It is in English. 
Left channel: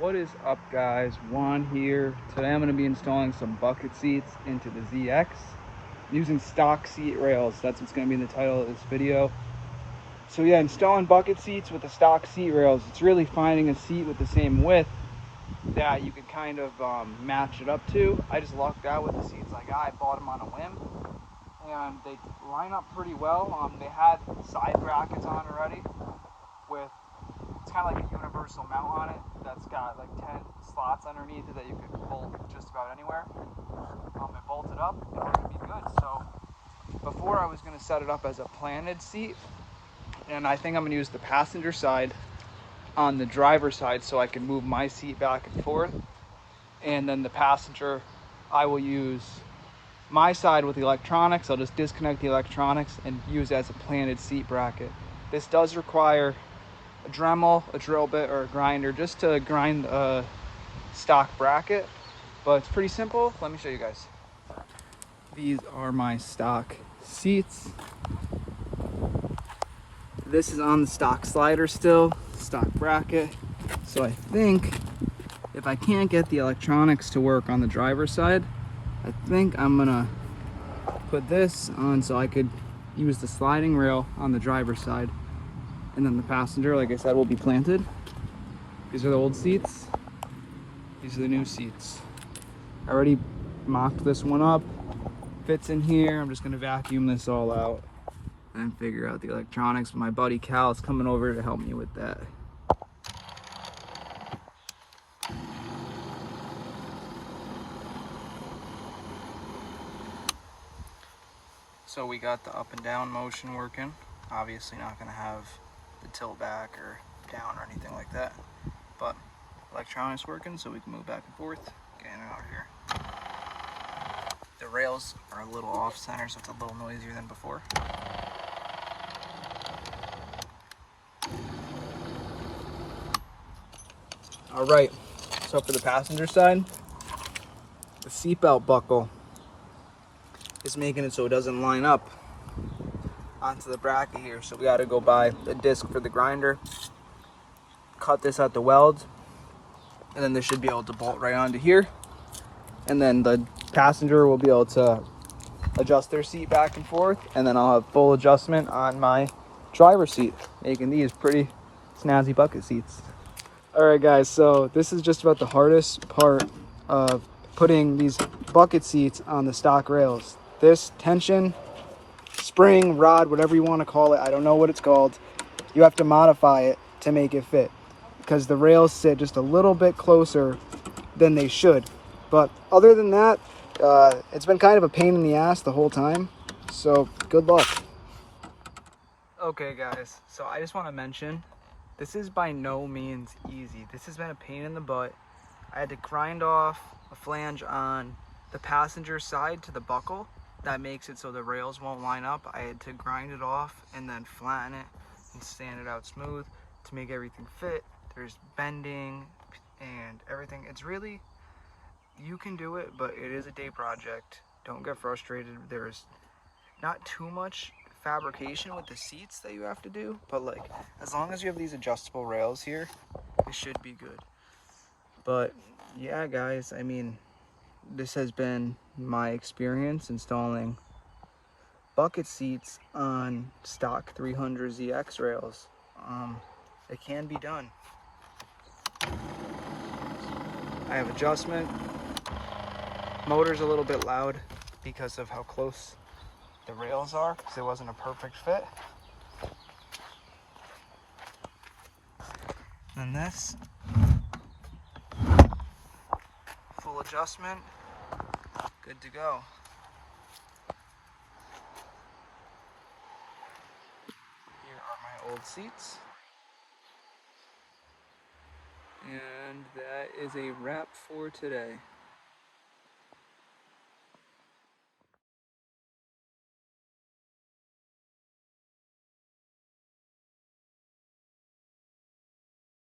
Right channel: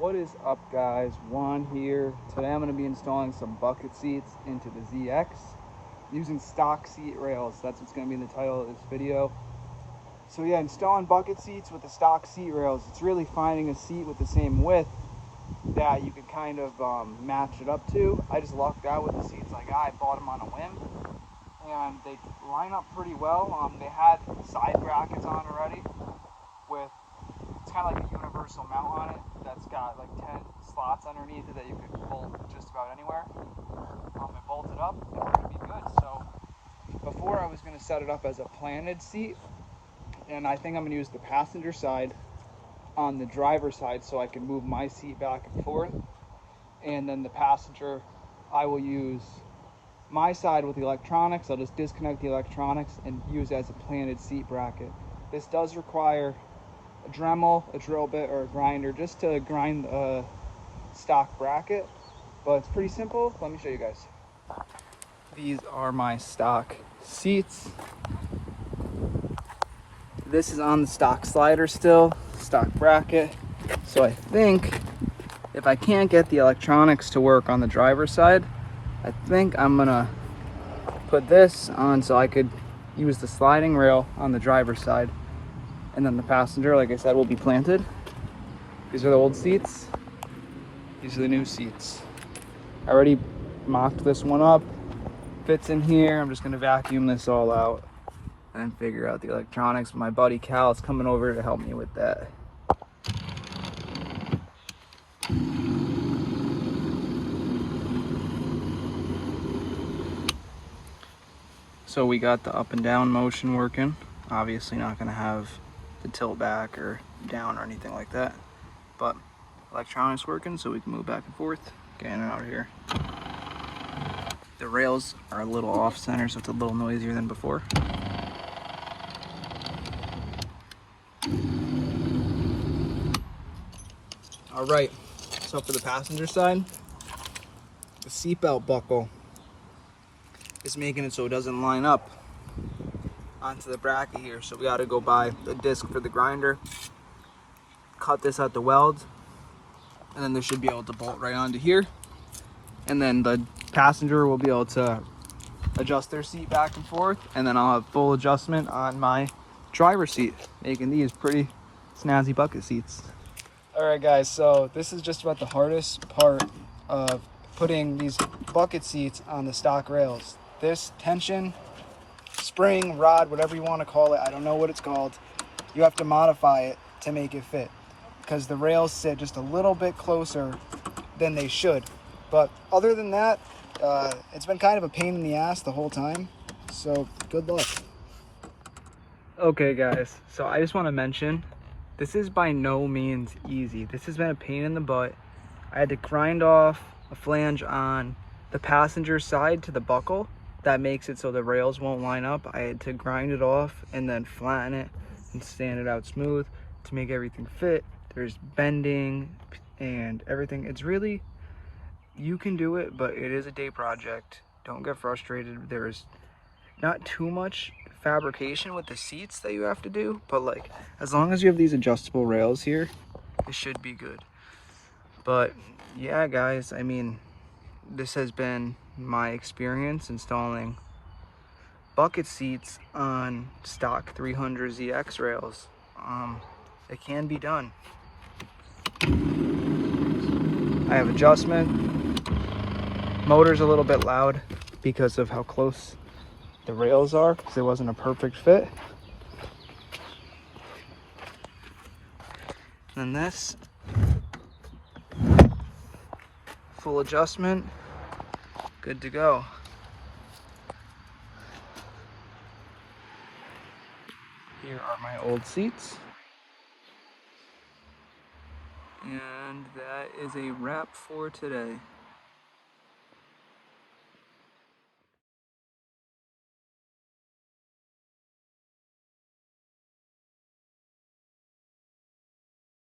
What is up, guys? Juan here. Today I'm going to be installing some bucket seats into the ZX using stock seat rails. That's what's going to be in the title of this video. So yeah, installing bucket seats with the stock seat rails, it's really finding a seat with the same width that you can kind of match it up to. I just lucked out with the seats I got. I bought them on a whim and they line up pretty well. They had side brackets on already with, it's kind of like a universal mount on it that's got like 10 slots underneath it that you could bolt just about anywhere. It bolted up in order to be good. So before I was going to set it up as a planted seat, and I think I'm going to use the passenger side on the driver's side so I can move my seat back and forth, and then the passenger, I will use my side with the electronics. I'll just disconnect the electronics and use it as a planted seat bracket. This does require a Dremel, a drill bit, or a grinder just to grind a stock bracket, but it's pretty simple. Let me show you guys. These are my stock seats. This is on the stock slider still, stock bracket. So I think if I can't get the electronics to work on the driver's side, I think I'm gonna put this on so I could use the sliding rail on the driver's side. And then the passenger, like I said, will be planted. These are the old seats. These are the new seats. I already mocked this one up. Fits in here. I'm just gonna vacuum this all out and figure out the electronics. My buddy Cal is coming over to help me with that. So we got the up and down motion working. Obviously not gonna have the tilt back or down or anything like that, but electronics working so we can move back and forth, getting it out here. The rails are a little off center, so it's a little noisier than before. All right, so for the passenger side, the seatbelt buckle is making it so it doesn't line up onto the bracket here. So we got to go buy the disc for the grinder, cut this at the weld, and then this should be able to bolt right onto here. And then the passenger will be able to adjust their seat back and forth, and then I'll have full adjustment on my driver's seat, making these pretty snazzy bucket seats. All right, guys, so this is just about the hardest part of putting these bucket seats on the stock rails. This tension spring, rod, whatever you want to call it, I don't know what it's called, you have to modify it to make it fit because the rails sit just a little bit closer than they should. But other than that, it's been kind of a pain in the ass the whole time, so good luck. Okay guys, so I just want to mention, this is by no means easy. This has been a pain in the butt. I had to grind off a flange on the passenger side to the buckle that makes it so the rails won't line up. I had to grind it off and then flatten it and sand it out smooth to make everything fit. There's bending and everything. It's really, you can do it, but it is a day project. Don't get frustrated. There's not too much fabrication with the seats that you have to do, but like, as long as you have these adjustable rails here, it should be good. But yeah, guys, I mean, this has been my experience installing bucket seats on stock 300 ZX rails. It can be done. I have adjustment. Motor's a little bit loud because of how close the rails are, because it wasn't a perfect fit. And this, full adjustment, good to go. Here are my old seats. And that is a wrap for today.